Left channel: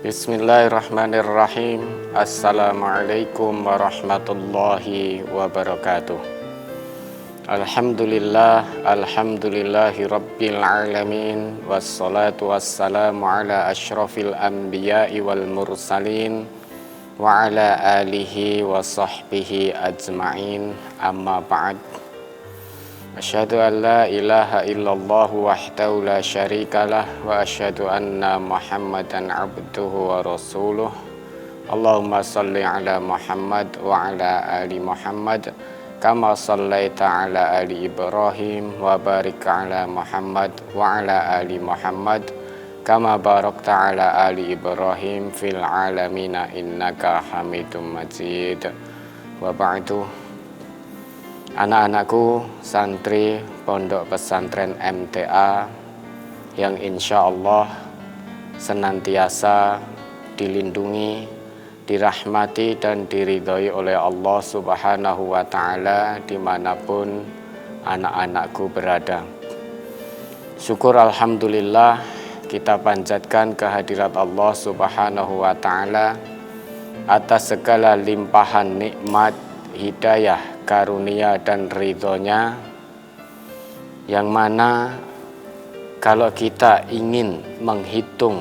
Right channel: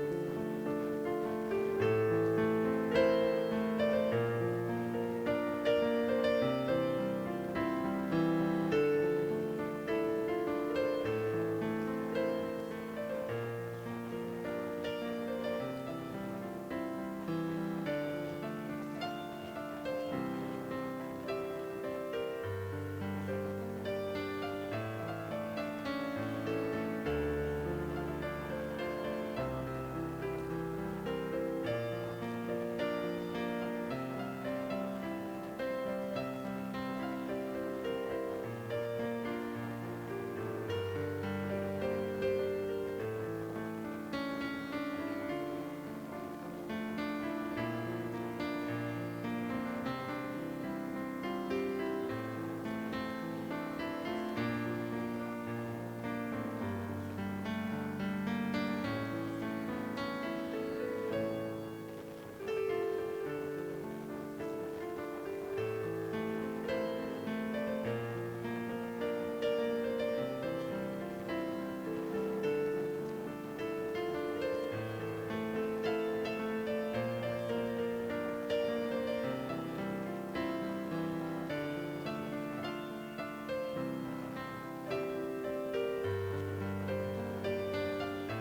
Bismillahirrahmanirrahim. Assalamualaikum warahmatullahi wabarakatuh. Alhamdulillahi rabbil alamin. Wassalatu wassalamu ala asyrafil anbiya'i wal mursalin wa ala alihi wa sahbihi ajma'in. Amma ba'd. Asyhadu an la ilaha illallah wahdahu la syarikalah wa asyhadu anna Muhammadan abduhu wa rasuluh. Allahumma salli ala Muhammad wa ala ali Muhammad kama sallaita ala ali Ibrahim wa barik ala Muhammad wa ala ali Muhammad kama barakta ala ali Ibrahim fil alamina innaka Hamidum Majid. Wa ba'du. Anak-anakku santri Pondok Pesantren MTA yang insya Allah senantiasa dilindungi, dirahmati dan diridhoi oleh Allah Subhanahu wa Ta'ala dimanapun anak-anakku berada. Syukur alhamdulillah kita panjatkan kehadirat Allah Subhanahu wa Ta'ala atas segala limpahan nikmat, hidayah, karunia dan ridhonya, yang mana kalau kita ingin menghitung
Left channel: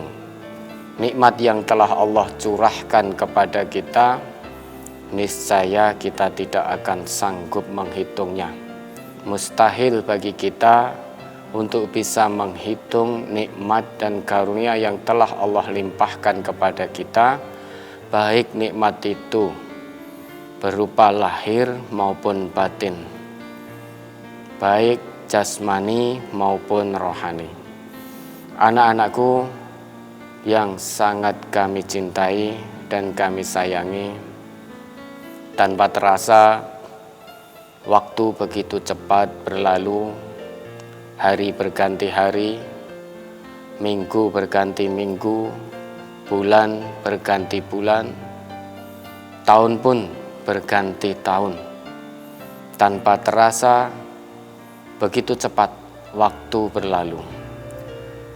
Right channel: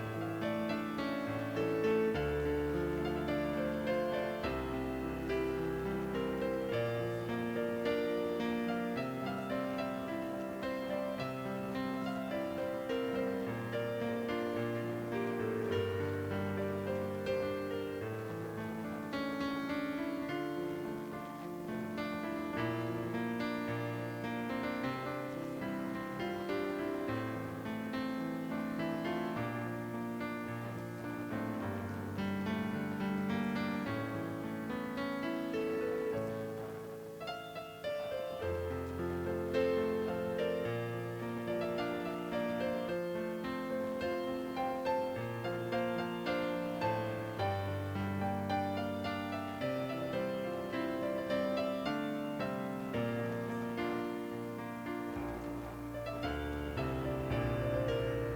nikmat yang telah Allah curahkan kepada kita, niscaya kita tidak akan sanggup menghitungnya. Mustahil bagi kita untuk bisa menghitung nikmat dan karunia yang telah Allah limpahkan kepada kita, baik nikmat itu berupa lahir maupun batin, baik jasmani maupun rohani. Anak-anakku yang sangat kami cintai dan kami sayangi, tanpa terasa waktu begitu cepat berlalu, hari berganti hari, minggu berganti minggu, bulan berganti bulan, tahun pun berganti tahun. Tanpa terasa begitu cepat waktu berlalu.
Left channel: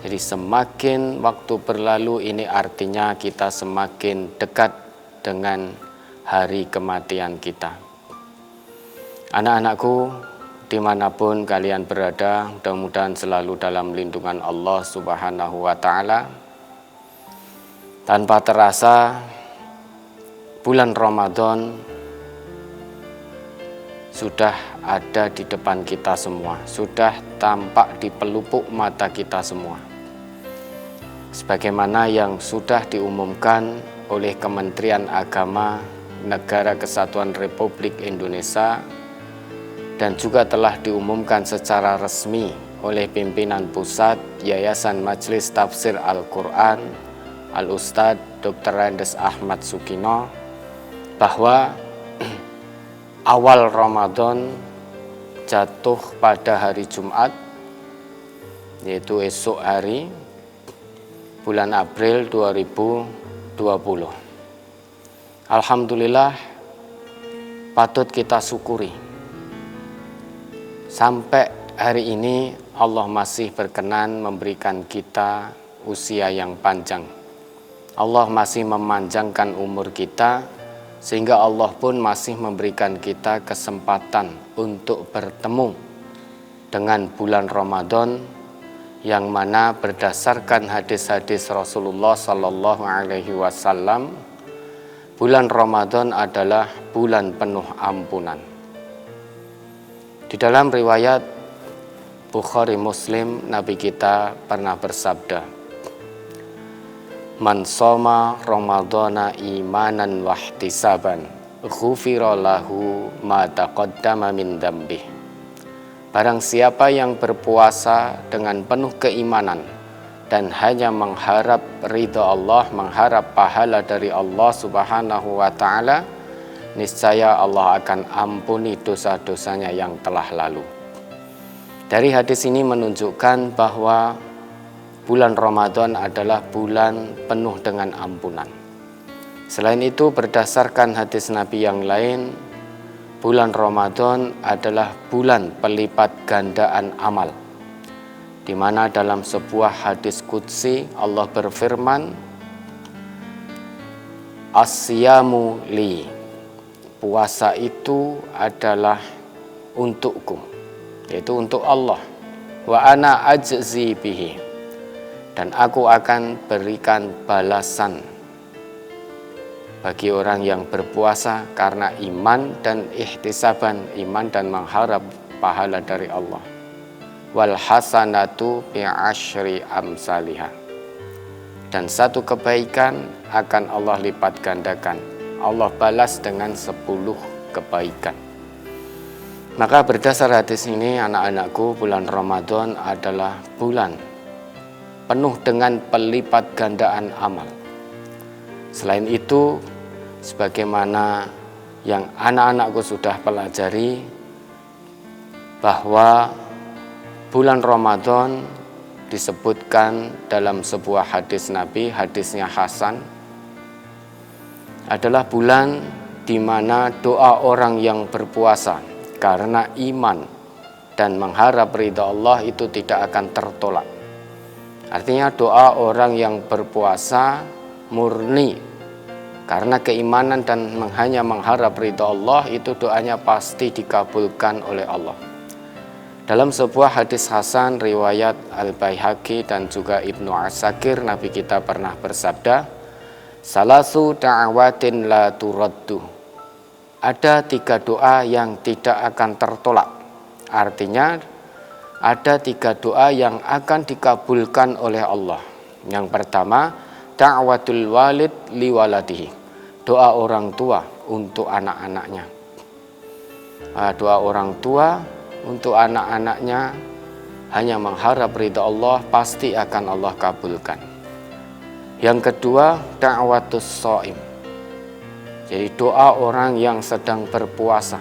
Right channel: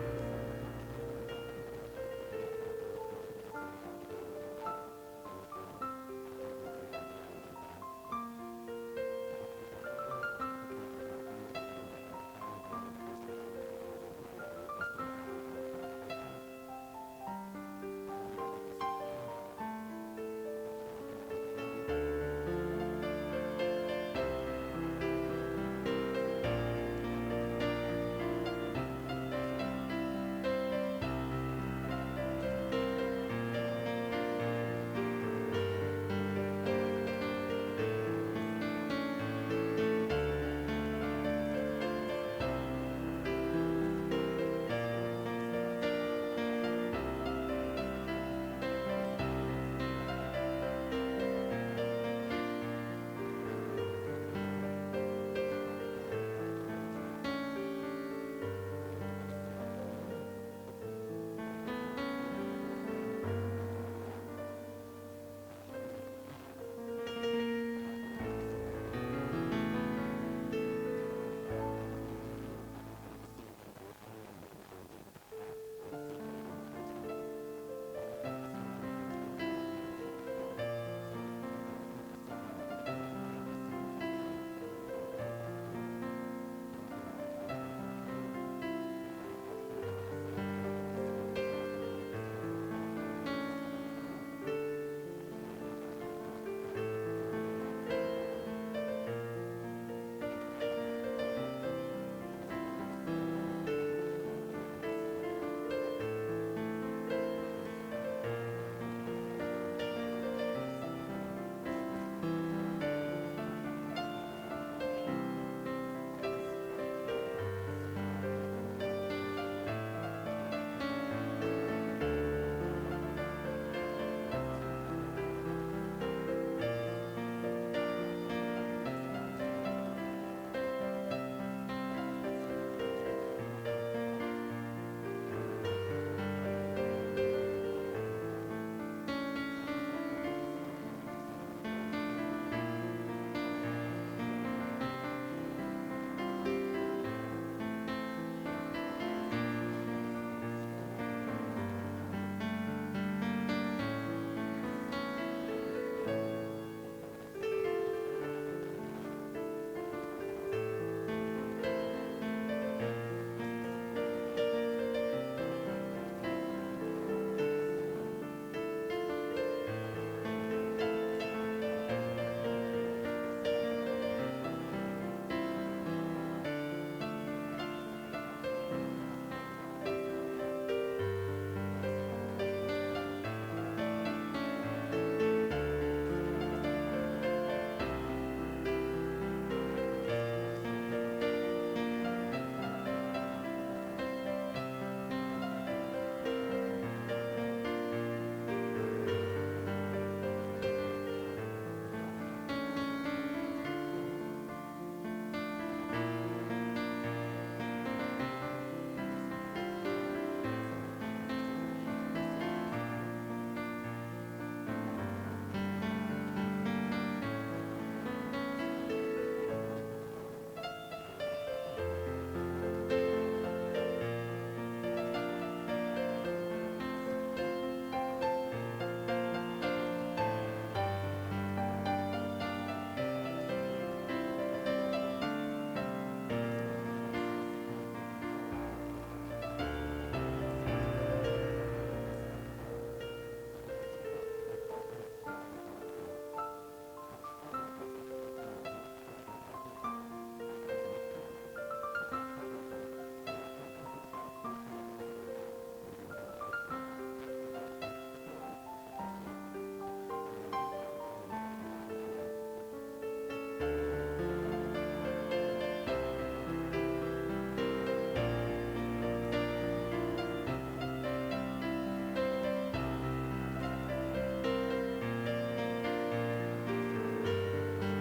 Jadi semakin waktu berlalu, ini artinya kita semakin dekat dengan hari kematian kita. Anak-anakku, dimanapun kalian berada, mudah-mudahan selalu dalam lindungan Allah Subhanahu wa Ta'ala. Tanpa terasa bulan Ramadan sudah ada di depan kita semua, sudah tampak di pelupuk mata kita semua. Sebagaimana yang sudah diumumkan oleh Kementerian Agama Negara Kesatuan Republik Indonesia dan juga telah diumumkan secara resmi oleh pimpinan pusat Yayasan Majelis Tafsir Al-Quran Al-Ustadz Dr. Andes Ahmad Sukino, bahwa awal Ramadan jatuh pada hari Jumat, yaitu esok hari, bulan April 2020. Alhamdulillah, patut kita syukuri. Sampai hari ini Allah masih berkenan memberikan kita usia yang panjang. Allah masih memanjangkan umur kita, sehingga Allah pun masih memberikan kita kesempatan untuk bertemu dengan bulan Ramadan, yang mana berdasarkan hadis-hadis Rasulullah Sallallahu Alaihi Wasallam, bulan Ramadan adalah bulan penuh ampunan. Di dalam riwayat Bukhari Muslim, Nabi kita pernah bersabda, "Man shoma Ramadhana imanan wahtisaban, ghufira lahu ma taqaddama min dzambih." Barang siapa yang berpuasa dengan penuh keimanan dan hanya mengharap ridha Allah, mengharap pahala dari Allah Subhanahu wa Ta'ala, niscaya Allah akan ampuni dosa-dosanya yang telah lalu. Dari hadis ini menunjukkan bahwa bulan Ramadan adalah bulan penuh dengan ampunan. Selain itu, berdasarkan hadis Nabi yang lain, bulan Ramadan adalah bulan pelipat gandaan amal, di mana dalam sebuah hadis qudsi Allah berfirman, As-siyamu li. Puasa itu adalah untukku, yaitu untuk Allah. Wa ana ajzi bihi. Dan aku akan berikan balasan bagi orang yang berpuasa karena iman dan ihtisaban, iman dan mengharap pahala dari Allah. Wal hasanatu bi'asyri amsalihha. Dan satu kebaikan akan Allah lipat gandakan. Allah balas dengan 10 kebaikan. Maka berdasar hadis ini, anak-anakku, bulan Ramadan adalah bulan penuh dengan pelipat gandaan amal. Selain itu, sebagaimana yang anak-anakku sudah pelajari, bahwa bulan Ramadan disebutkan dalam sebuah hadis Nabi, hadisnya Hasan, adalah bulan di mana doa orang yang berpuasa karena iman dan mengharap ridha Allah itu tidak akan tertolak. Artinya doa orang yang berpuasa murni karena keimanan dan hanya mengharap ridha Allah, itu doanya pasti dikabulkan oleh Allah. Dalam sebuah hadis Hasan riwayat Al-Baihaqi dan juga Ibnu Asakir, Nabi kita pernah bersabda, salasu da'awatin la turaddu. Ada 3 doa yang tidak akan tertolak. Artinya ada 3 doa yang akan dikabulkan oleh Allah. Yang pertama, da'watul walid li waladihi. Doa orang tua untuk anak-anaknya. Doa orang tua untuk anak-anaknya hanya mengharap ridha Allah, pasti akan Allah kabulkan. Yang kedua, da'watus shaim. Jadi doa orang yang sedang berpuasa.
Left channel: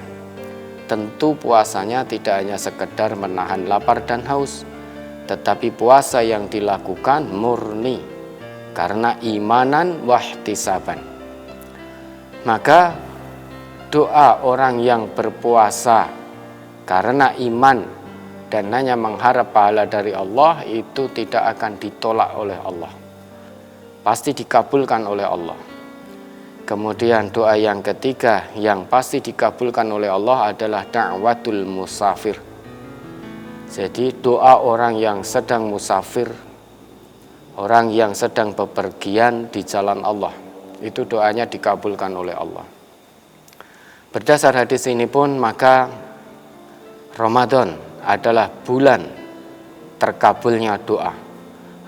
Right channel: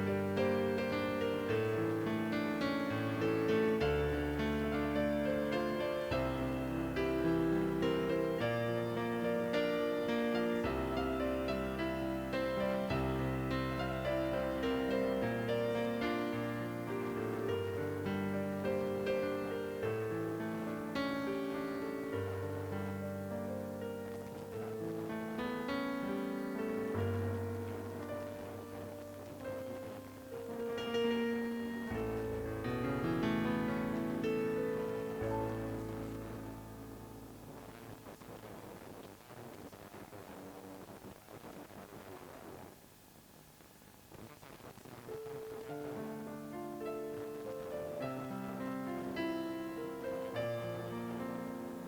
Tentu puasanya tidak hanya sekedar menahan lapar dan haus, tetapi puasa yang dilakukan murni karena imanan wahtisaban. Maka doa orang yang berpuasa karena iman dan hanya mengharap pahala dari Allah itu tidak akan ditolak oleh Allah, pasti dikabulkan oleh Allah. Kemudian doa yang ketiga yang pasti dikabulkan oleh Allah adalah da'watul musafir. Jadi doa orang yang sedang musafir, orang yang sedang bepergian di jalan Allah, itu doanya dikabulkan oleh Allah. Berdasar hadis ini pun, maka Ramadan adalah bulan terkabulnya doa.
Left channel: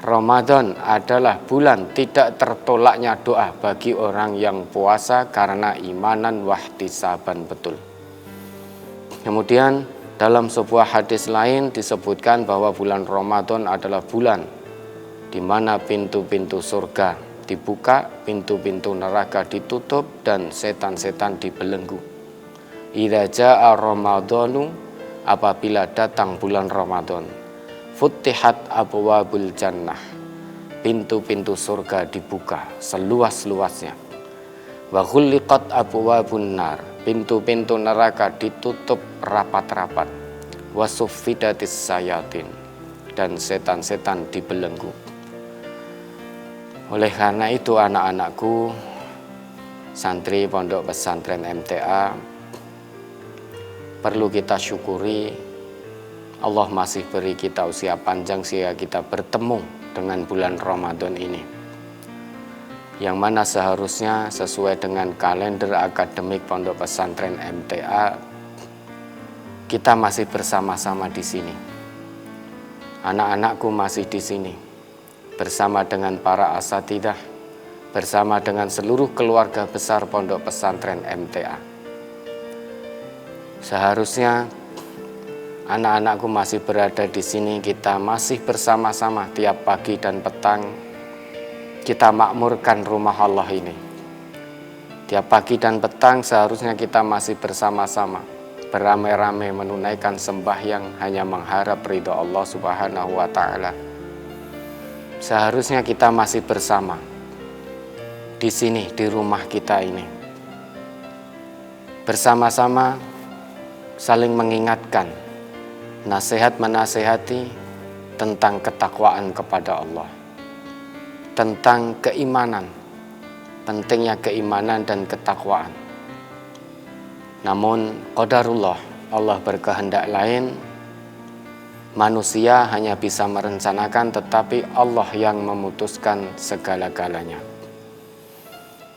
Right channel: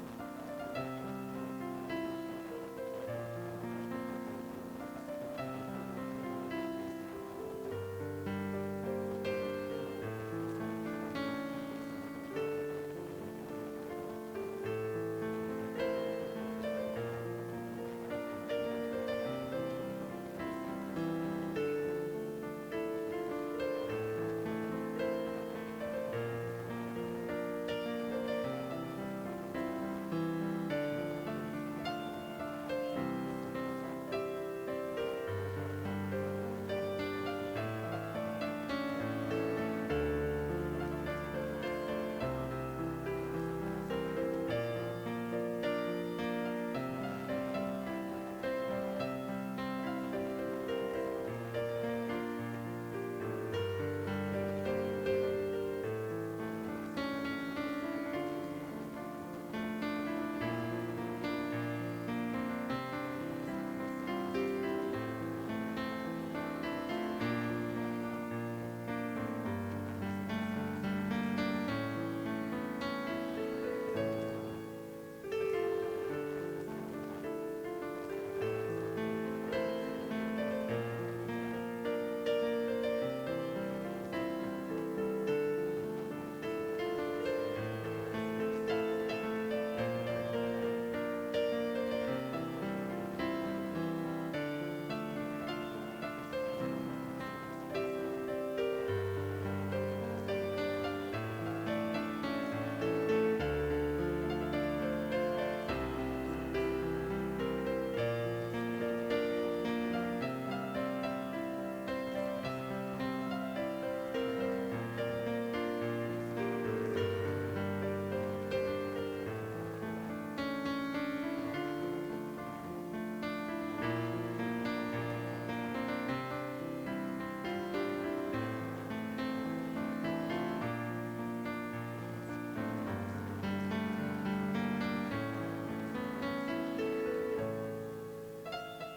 Ramadan adalah bulan tidak tertolaknya doa bagi orang yang puasa karena imanan wahtisaban betul. Kemudian dalam sebuah hadis lain disebutkan bahwa bulan Ramadan adalah bulan di mana pintu-pintu surga dibuka, pintu-pintu neraka ditutup, dan setan-setan dibelenggu. Idza jaa Ramadhanu, apabila datang bulan Ramadan, futtihat abwabul jannah, pintu-pintu surga dibuka seluas-luasnya. Wa ghulliqat abwabun nar, pintu-pintu neraka ditutup rapat-rapat. Wa suffidatis sayatin, dan setan-setan dibelenggu. Oleh karena itu anak-anakku, santri Pondok Pesantren MTA, perlu kita syukuri Allah masih beri kita usia panjang sehingga kita bertemu dengan bulan Ramadan ini, yang mana seharusnya sesuai dengan kalender akademik Pondok Pesantren MTA kita masih bersama-sama di sini. Anak-anakku masih di sini bersama dengan para asatidzah, bersama dengan seluruh keluarga besar Pondok Pesantren MTA. Seharusnya anak-anakku masih berada di sini, kita masih bersama-sama tiap pagi dan petang kita makmurkan rumah Allah ini. Tiap pagi dan petang seharusnya kita masih bersama-sama beramai-ramai menunaikan sembahyang hanya mengharap ridha Allah Subhanahu wa taala. Seharusnya kita masih bersama di sini, di rumah kita ini, bersama-sama saling mengingatkan, nasihat menasehati tentang ketakwaan kepada Allah, tentang keimanan, pentingnya keimanan dan ketakwaan. Namun qadarullah, Allah berkehendak lain. Manusia hanya bisa merencanakan, tetapi Allah yang memutuskan segala-galanya.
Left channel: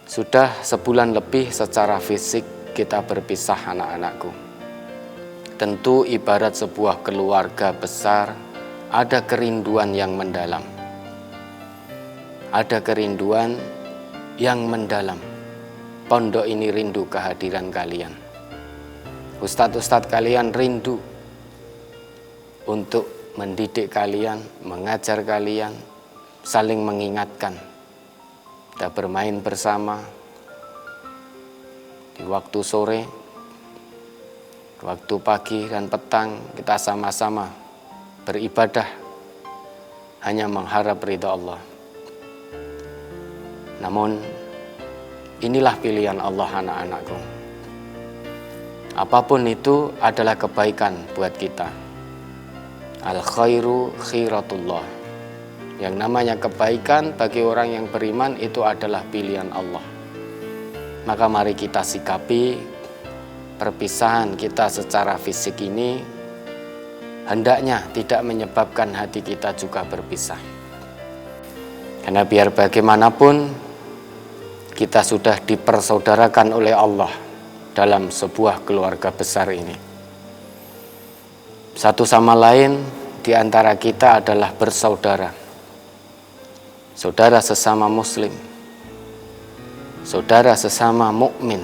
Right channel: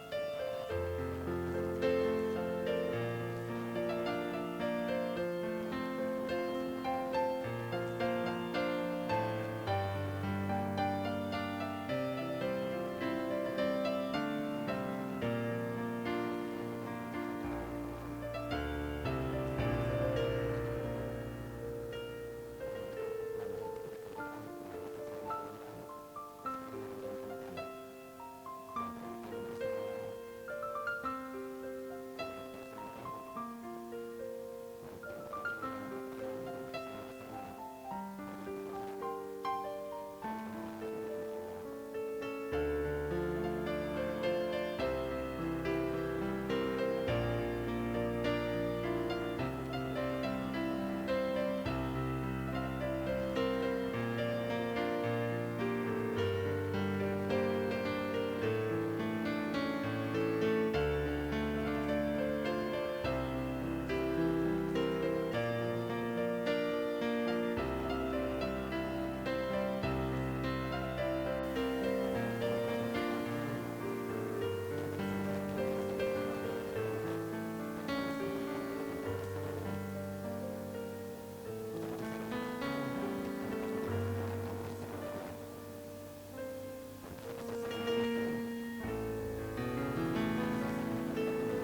Sudah sebulan lebih secara fisik kita berpisah, anak-anakku. Tentu ibarat sebuah keluarga besar, ada kerinduan yang mendalam. Ada kerinduan yang mendalam. Pondok ini rindu kehadiran kalian. Ustadz-ustadz kalian rindu untuk mendidik kalian, mengajar kalian, saling mengingatkan. Kita bermain bersama di waktu sore, waktu pagi dan petang, kita sama-sama beribadah hanya mengharap ridha Allah. Namun inilah pilihan Allah, anak-anakku. Apapun itu adalah kebaikan buat kita. Al khairu khiratullah. Yang namanya kebaikan bagi orang yang beriman itu adalah pilihan Allah. Maka mari kita sikapi perpisahan kita secara fisik ini hendaknya tidak menyebabkan hati kita juga berpisah. Karena biar bagaimanapun kita sudah dipersaudarakan oleh Allah dalam sebuah keluarga besar ini. Satu sama lain di antara kita adalah bersaudara. Saudara sesama muslim, saudara sesama mukmin,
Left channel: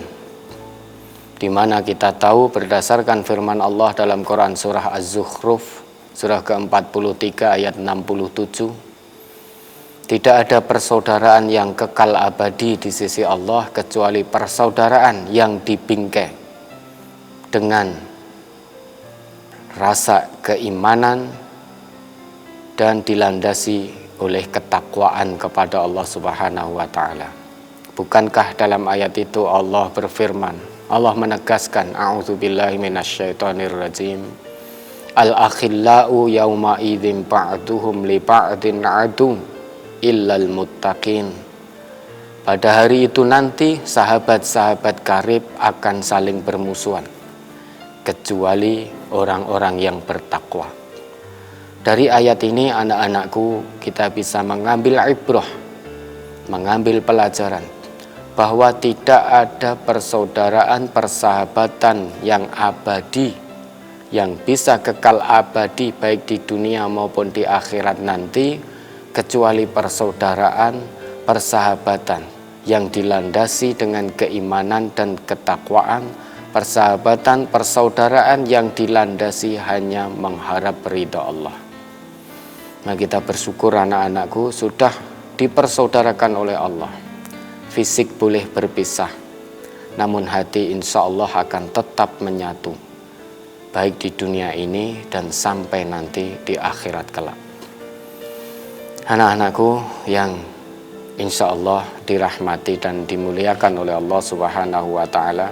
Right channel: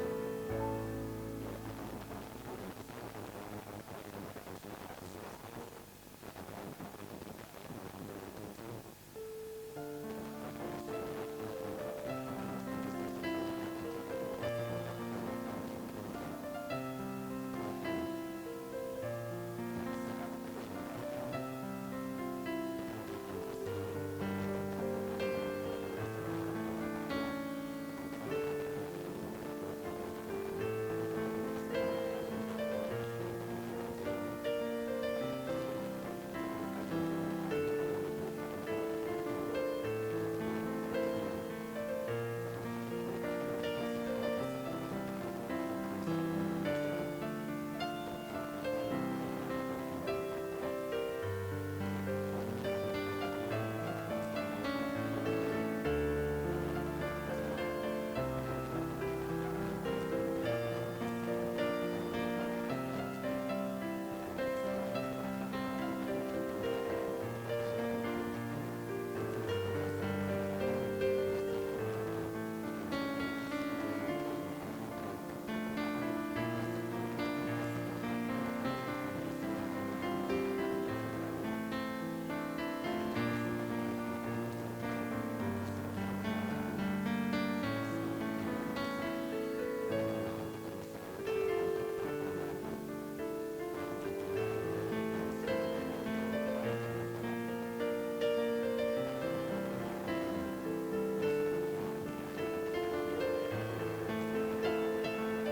di mana kita tahu berdasarkan firman Allah dalam Quran surah Az-Zukhruf surah ke-43 ayat 67, tidak ada persaudaraan yang kekal abadi di sisi Allah kecuali persaudaraan yang dibingkai dengan rasa keimanan dan dilandasi oleh ketakwaan kepada Allah Subhanahu wa taala. Bukankah dalam ayat itu Allah berfirman, Allah menegaskan, a'udzubillahi minasyaitonir rajim, al-akhillau yauma idzin ba'duhum li ba'din adu illal muttaqin. Pada hari itu nanti sahabat-sahabat karib akan saling bermusuhan kecuali orang-orang yang bertakwa. Dari ayat ini, anak-anakku, kita bisa mengambil ibrah, mengambil pelajaran bahwa tidak ada persaudaraan, persahabatan yang abadi, yang bisa kekal abadi baik di dunia maupun di akhirat nanti, kecuali persaudaraan, persahabatan yang dilandasi dengan keimanan dan ketakwaan, persahabatan, persaudaraan yang dilandasi hanya mengharap ridha Allah. Nah, kita bersyukur anak-anakku sudah dipersaudarakan oleh Allah. Fisik boleh berpisah, namun hati insya Allah akan tetap menyatu, baik di dunia ini dan sampai nanti di akhirat kelak. Anak-anakku yang insya Allah dirahmati dan dimuliakan oleh Allah Subhanahu wa ta'ala,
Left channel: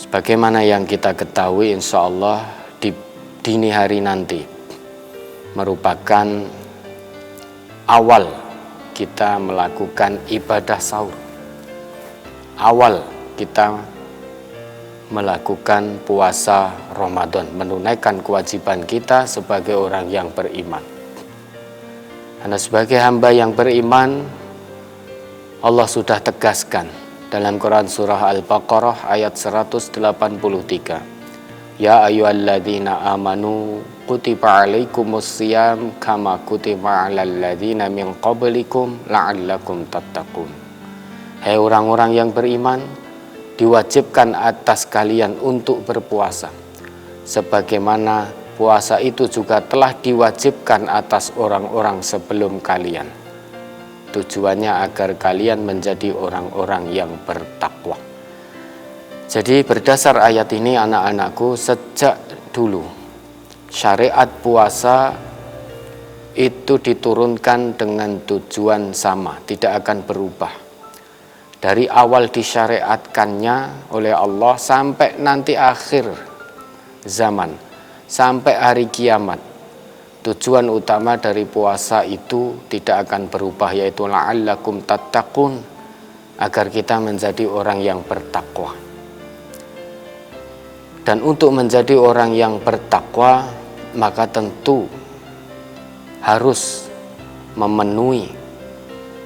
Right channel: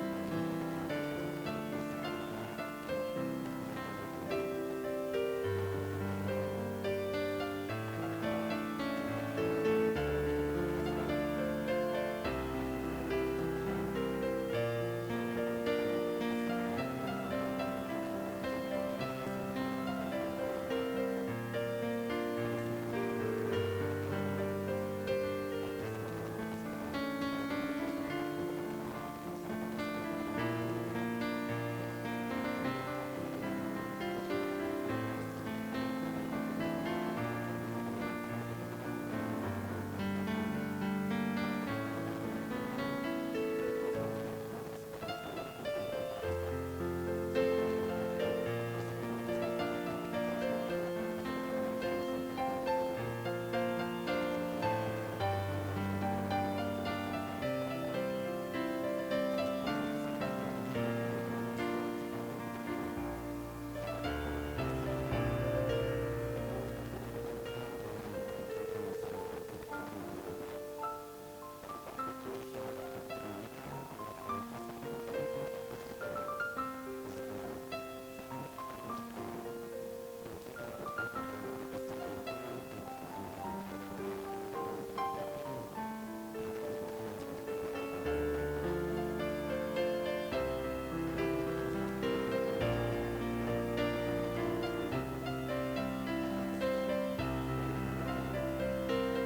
sebagaimana yang kita ketahui, insya Allah di dini hari nanti merupakan awal kita melakukan ibadah sahur. Awal kita melakukan puasa Ramadan, menunaikan kewajiban kita sebagai orang yang beriman. Karena sebagai hamba yang beriman, Allah sudah tegaskan dalam Quran surah Al-Baqarah ayat 183. Ya ayyuhalladzina amanu kutiba alaikumusiyam kama kutiba alal ladzina min qablikum la'allakum tattaqun. Hai orang-orang yang beriman, diwajibkan atas kalian untuk berpuasa sebagaimana puasa itu juga telah diwajibkan atas orang-orang sebelum kalian. Tujuannya agar kalian menjadi orang-orang yang bertakwa. Jadi berdasar ayat ini, anak-anakku, sejak dulu syariat puasa itu diturunkan dengan tujuan sama, tidak akan berubah. Dari awal disyariatkannya oleh Allah sampai nanti akhir zaman, sampai hari kiamat, tujuan utama dari puasa itu tidak akan berubah, yaitu la'allakum tattaqun, agar kita menjadi orang yang bertakwa. Dan untuk menjadi orang yang bertakwa, maka tentu harus memenuhi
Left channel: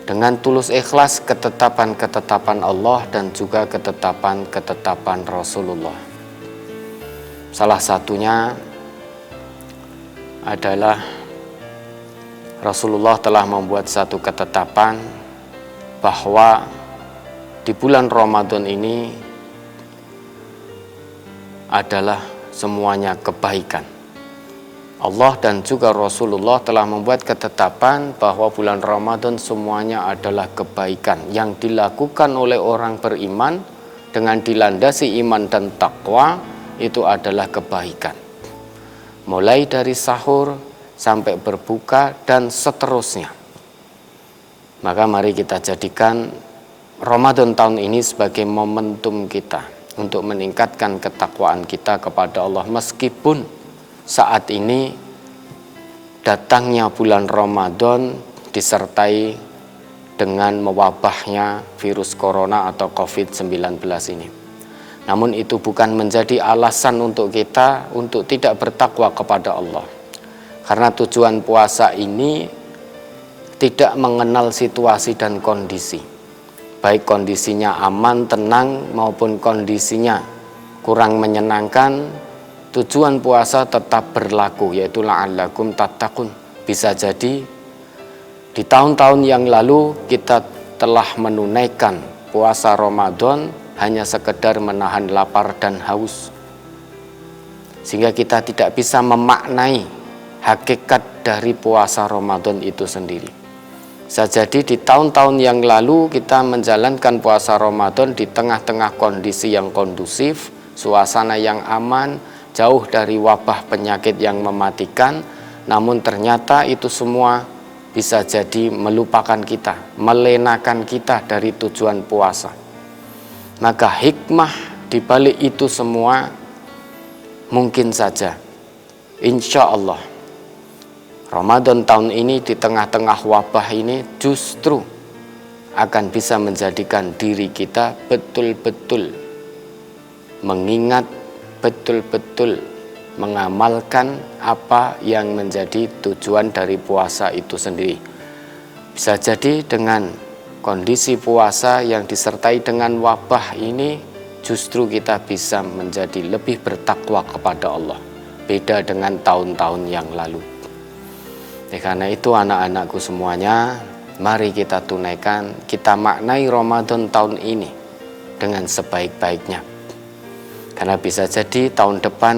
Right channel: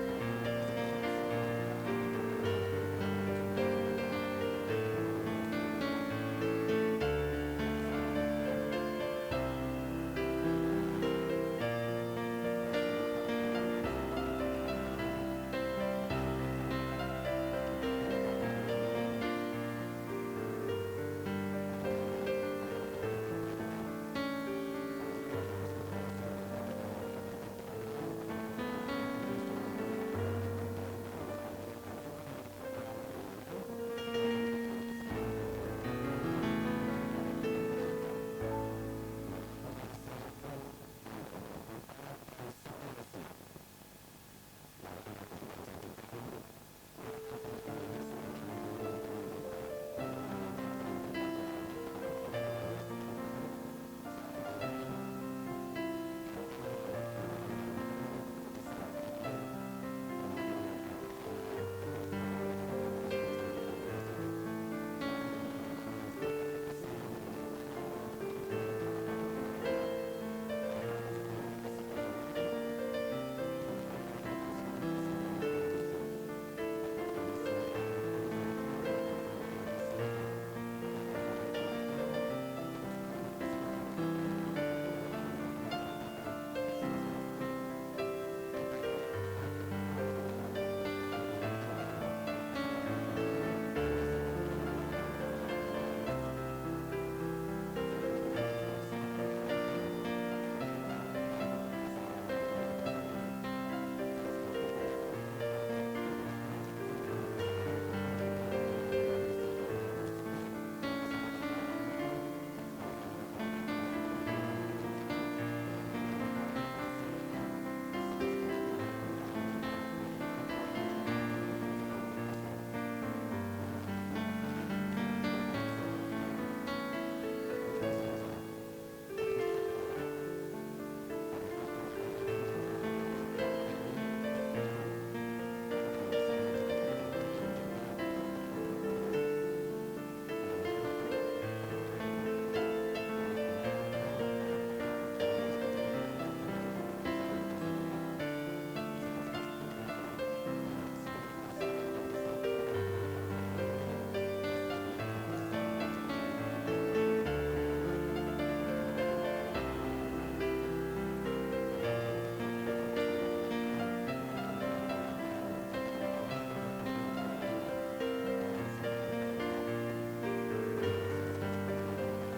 dengan tulus ikhlas ketetapan-ketetapan Allah dan juga ketetapan-ketetapan Rasulullah. Salah satunya adalah Rasulullah telah membuat satu ketetapan bahwa di bulan Ramadan ini adalah semuanya kebaikan. Allah dan juga Rasulullah telah membuat ketetapan bahwa bulan Ramadan semuanya adalah kebaikan yang dilakukan oleh orang beriman dengan dilandasi iman dan takwa, itu adalah kebaikan. Mulai dari sahur sampai berbuka dan seterusnya. Maka mari kita jadikan Ramadan tahun ini sebagai momentum kita untuk meningkatkan ketakwaan kita kepada Allah, meskipun saat ini datangnya bulan Ramadan disertai dengan mewabahnya virus corona atau COVID-19 ini. Namun itu bukan menjadi alasan untuk kita untuk tidak bertakwa kepada Allah. Karena tujuan puasa ini tidak mengenal situasi dan kondisi. Baik kondisinya aman, tenang maupun kondisinya kurang menyenangkan, tujuan puasa tetap berlaku, yaitu la'allakum tattaqun. Bisa jadi di tahun-tahun yang lalu kita telah menunaikan puasa Ramadan hanya sekedar menahan lapar dan haus, sehingga kita tidak bisa memaknai hakikat dari puasa Ramadan itu sendiri. Bisa jadi di tahun-tahun yang lalu kita menjalankan puasa Ramadan di tengah-tengah kondisi yang kondusif, suasana yang aman, jauh dari wabah penyakit yang mematikan, namun ternyata itu semua bisa jadi melupakan kita, melenakan kita dari tujuan puasa. Maka hikmah di balik itu semua mungkin saja, insya Allah, Ramadan tahun ini di tengah-tengah wabah ini justru akan bisa menjadikan diri kita betul-betul mengingat, betul-betul mengamalkan apa yang menjadi tujuan dari puasa itu sendiri. Bisa jadi dengan kondisi puasa yang disertai dengan wabah ini, justru kita bisa menjadi lebih bertakwa kepada Allah, beda dengan tahun-tahun yang lalu. Karena itu anak-anakku semuanya, mari kita tunaikan, kita maknai Ramadan tahun ini dengan sebaik-baiknya. Karena bisa jadi tahun depan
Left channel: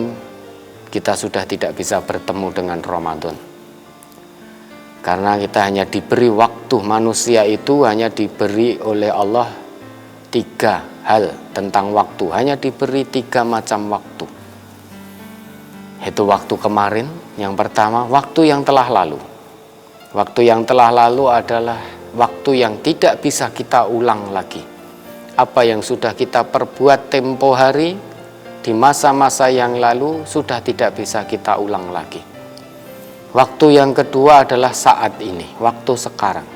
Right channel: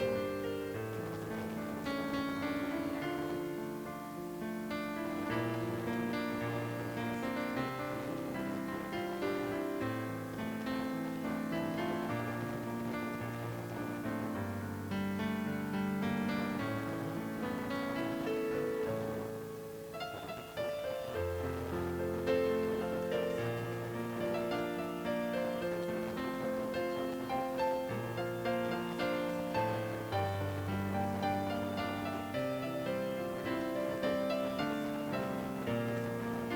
kita sudah tidak bisa bertemu dengan Ramadan. Karena kita hanya diberi waktu, manusia itu hanya diberi oleh Allah 3 hal tentang waktu. Hanya diberi 3 macam waktu. Itu waktu kemarin, yang pertama waktu yang telah lalu. Waktu yang telah lalu adalah waktu yang tidak bisa kita ulang lagi. Apa yang sudah kita perbuat tempo hari di masa-masa yang lalu sudah tidak bisa kita ulang lagi. Waktu yang kedua adalah saat ini, waktu sekarang.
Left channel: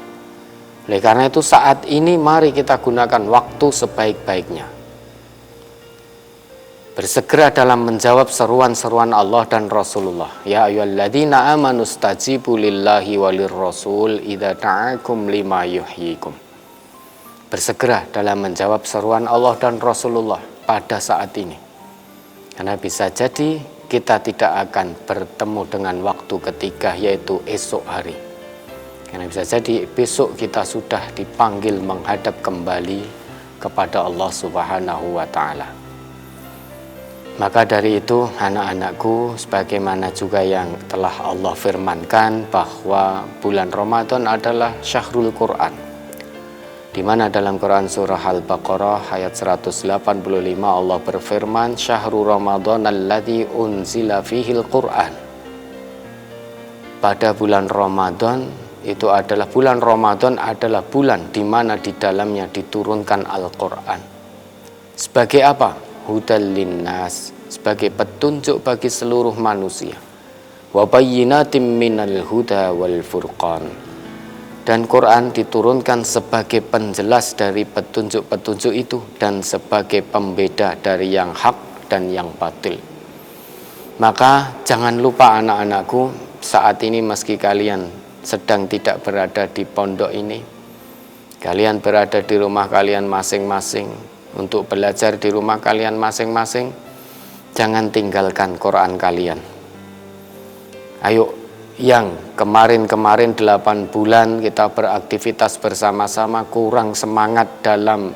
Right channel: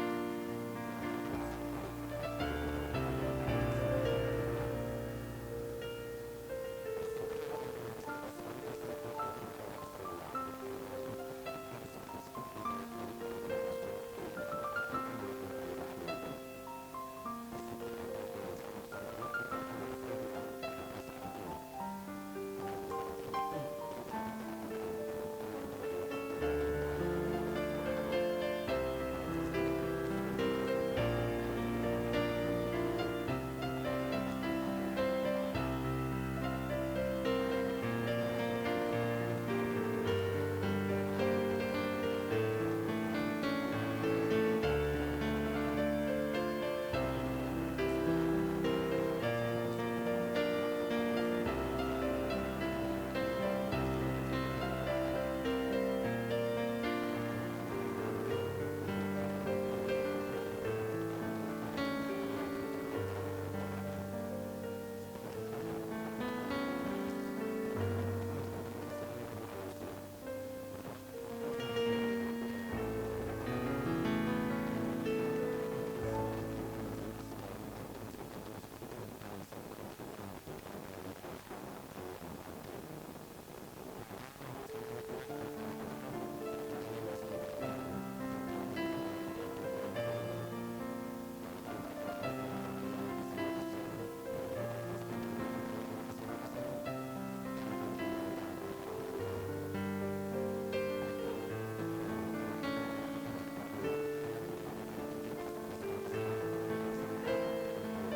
Oleh karena itu saat ini mari kita gunakan waktu sebaik-baiknya. Bersegera dalam menjawab seruan-seruan Allah dan Rasulullah. Ya ayyuhalladzina amanu stajibu lillahi walir rasul idza da'akum lima yuhyikum. Bersegera dalam menjawab seruan Allah dan Rasulullah pada saat ini. Karena bisa jadi kita tidak akan bertemu dengan waktu ketiga, yaitu esok hari. Karena bisa jadi besok kita sudah dipanggil menghadap kembali kepada Allah Subhanahu wa Ta'ala. Maka dari itu anak-anakku, sebagaimana juga yang telah Allah firmankan bahwa bulan Ramadan adalah syahrul Quran, di mana dalam Quran surah Al-Baqarah ayat 185 Allah berfirman, syahrul Ramadan alladzi unzila fihil Quran. Pada bulan Ramadan itu adalah bulan Ramadan adalah bulan di mana di dalamnya diturunkan Al-Quran. Sebagai apa? Hudal linnas, sebagai petunjuk bagi seluruh manusia. wa bayyinatin minal huda wal furqan. Dan Quran diturunkan sebagai penjelas dari petunjuk-petunjuk itu dan sebagai pembeda dari yang hak dan yang batil. Maka jangan lupa anak-anakku, saat ini meski kalian sedang tidak berada di pondok ini, kalian berada di rumah kalian masing-masing untuk belajar di rumah kalian masing-masing, jangan tinggalkan Quran kalian. Ayo, yang kemarin-kemarin 8 bulan kita beraktivitas bersama-sama kurang semangat dalam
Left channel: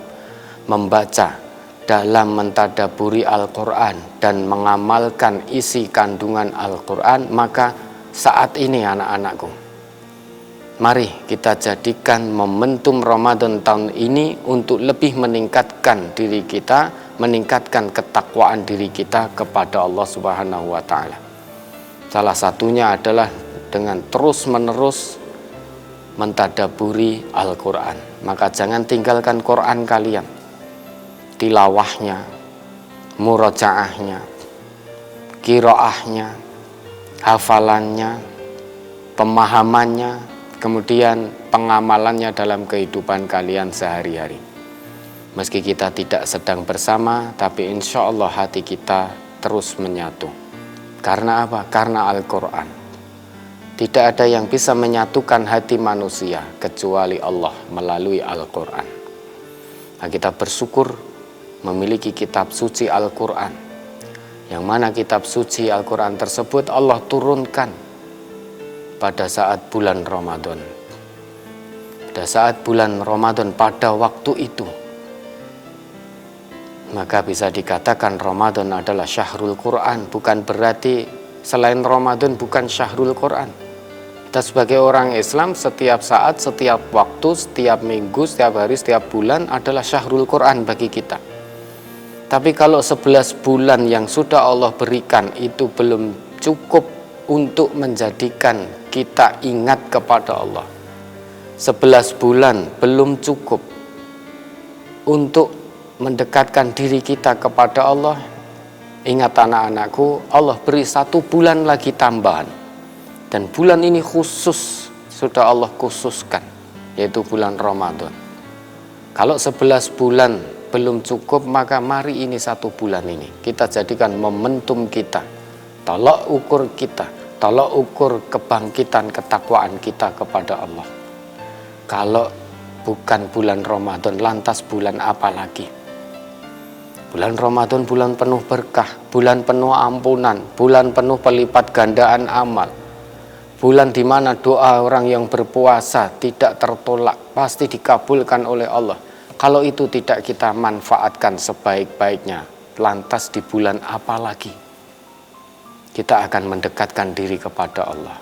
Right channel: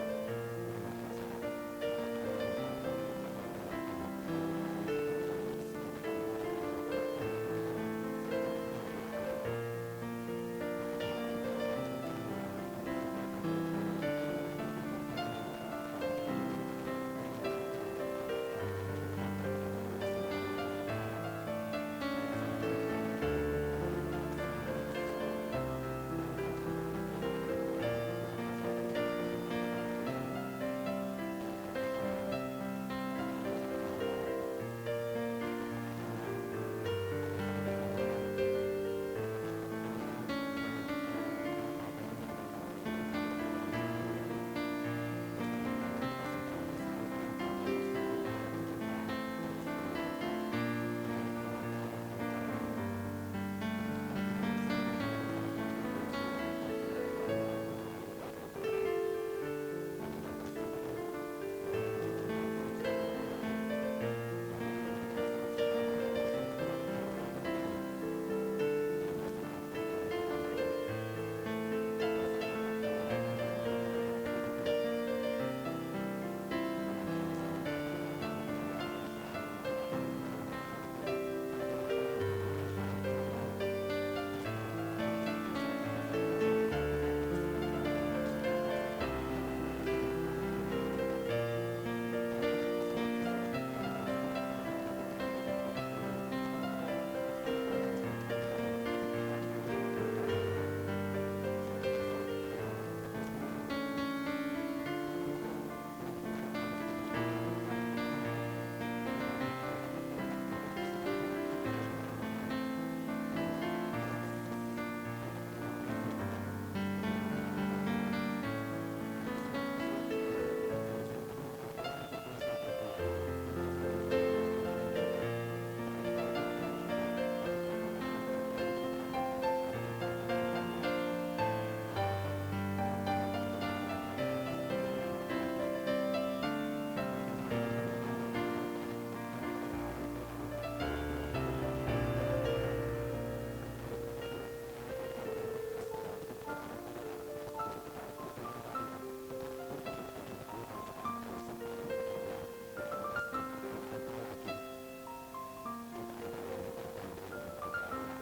membaca, dalam mentadaburi Al-Quran dan mengamalkan isi kandungan Al-Quran, maka saat ini anak-anakku, mari kita jadikan momentum Ramadan tahun ini untuk lebih meningkatkan diri kita, meningkatkan ketakwaan diri kita kepada Allah Subhanahu wa Ta'ala. Salah satunya adalah dengan terus-menerus mentadaburi Al-Quran. Maka jangan tinggalkan Quran kalian, tilawahnya, murojaahnya, qiraahnya, hafalannya, pemahamannya, kemudian pengamalannya dalam kehidupan kalian sehari-hari. Meski kita tidak sedang bersama, tapi insya Allah hati kita terus menyatu. Karena apa? Karena Al-Quran. Tidak ada yang bisa menyatukan hati manusia kecuali Allah melalui Al-Quran. Nah, kita bersyukur memiliki kitab suci Al-Quran, yang mana kitab suci Al-Quran tersebut Allah turunkan pada saat bulan Ramadan. Pada saat bulan Ramadan, pada waktu itu, maka bisa dikatakan Ramadan adalah syahrul Quran. Bukan berarti selain Ramadan bukan syahrul Quran. Kita sebagai orang Islam setiap saat, setiap waktu, setiap minggu, setiap hari, setiap bulan adalah syahrul Quran bagi kita. Tapi kalau 11 bulan yang sudah Allah berikan itu belum cukup untuk menjadikan kita ingat kepada Allah, 11 bulan belum cukup untuk mendekatkan diri kita kepada Allah. Ingat anak-anakku, Allah beri 1 bulan lagi tambahan. Dan bulan ini khusus, sudah Allah khususkan, yaitu bulan Ramadan. Kalau 11 bulan belum cukup, maka mari ini 1 bulan ini kita jadikan momentum kita, tolak ukur kita, tolak ukur kebangkitan ketakwaan kita kepada Allah. Kalau bukan bulan Ramadan, lantas bulan apa lagi? Bulan Ramadan bulan penuh berkah, bulan penuh ampunan, bulan penuh pelipat gandaan amal. Bulan di mana doa orang yang berpuasa tidak tertolak, pasti dikabulkan oleh Allah. Kalau itu tidak kita manfaatkan sebaik-baiknya, lantas di bulan apa lagi kita akan mendekatkan diri kepada Allah?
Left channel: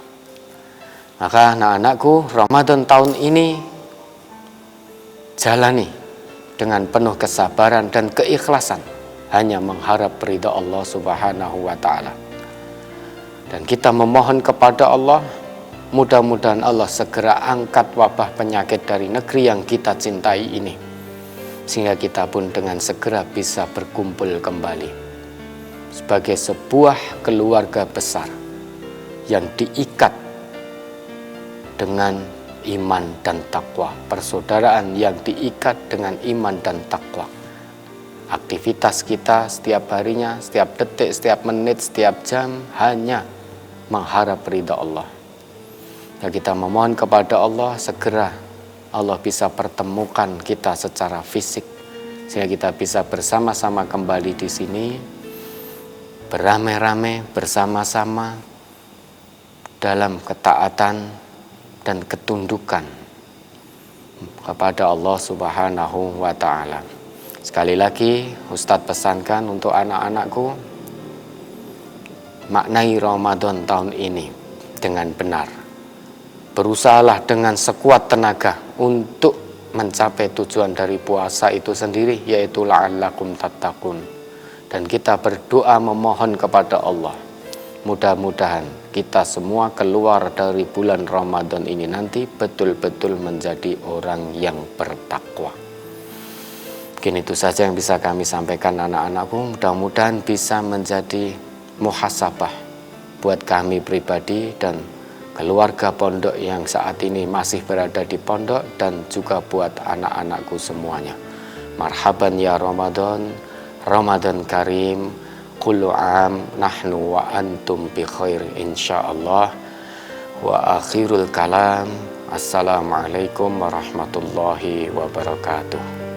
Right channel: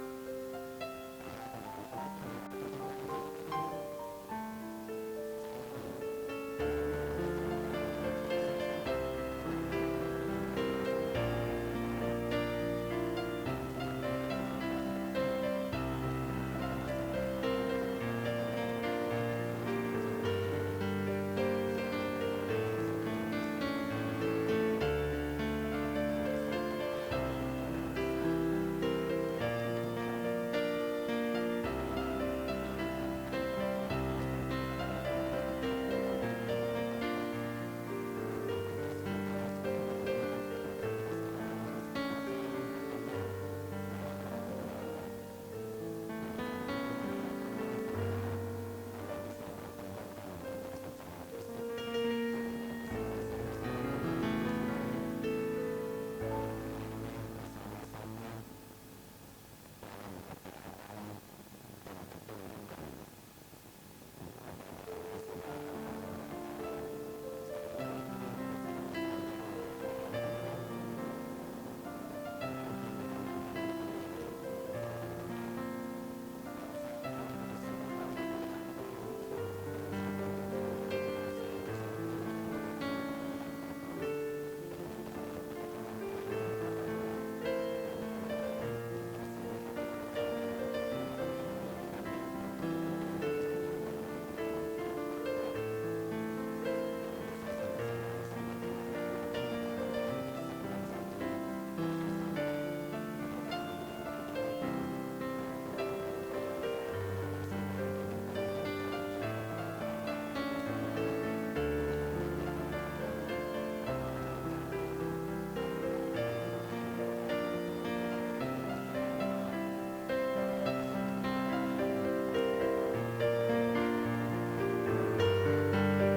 Maka anak-anakku, Ramadan tahun ini jalani dengan penuh kesabaran dan keikhlasan, hanya mengharap ridha Allah Subhanahu wa Ta'ala. Dan kita memohon kepada Allah, mudah-mudahan Allah segera angkat wabah penyakit dari negeri yang kita cintai ini, sehingga kita pun dengan segera bisa berkumpul kembali sebagai sebuah keluarga besar yang diikat dengan iman dan takwa, persaudaraan yang diikat dengan iman dan takwa. Aktivitas kita setiap harinya, setiap detik, setiap menit, setiap jam hanya mengharap ridha Allah. Dan kita memohon kepada Allah segera Allah bisa pertemukan kita secara fisik, sehingga kita bisa bersama-sama kembali di sini, beramai-ramai bersama-sama dalam ketaatan dan ketundukan kepada Allah Subhanahu wa Ta'ala. Sekali lagi Ustadz pesankan untuk anak-anakku, maknai Ramadan tahun ini dengan benar. Berusahalah dengan sekuat tenaga untuk mencapai tujuan dari puasa itu sendiri, yaitu la'allakum tattaqun. Dan kita berdoa memohon kepada Allah, mudah-mudahan kita semua keluar dari bulan Ramadan ini nanti betul-betul menjadi orang yang bertakwa. Mungkin itu saja yang bisa kami sampaikan anak-anakku. Mudah-mudahan bisa menjadi muhasabah buat kami pribadi dan keluarga pondok yang saat ini masih berada di pondok, dan juga buat anak-anakku semuanya. Marhaban ya Ramadan, Ramadan Karim, kullu am nahnu wa antum bi khair insyaallah. Wa akhirul kalam, assalamualaikum warahmatullahi wabarakatuh.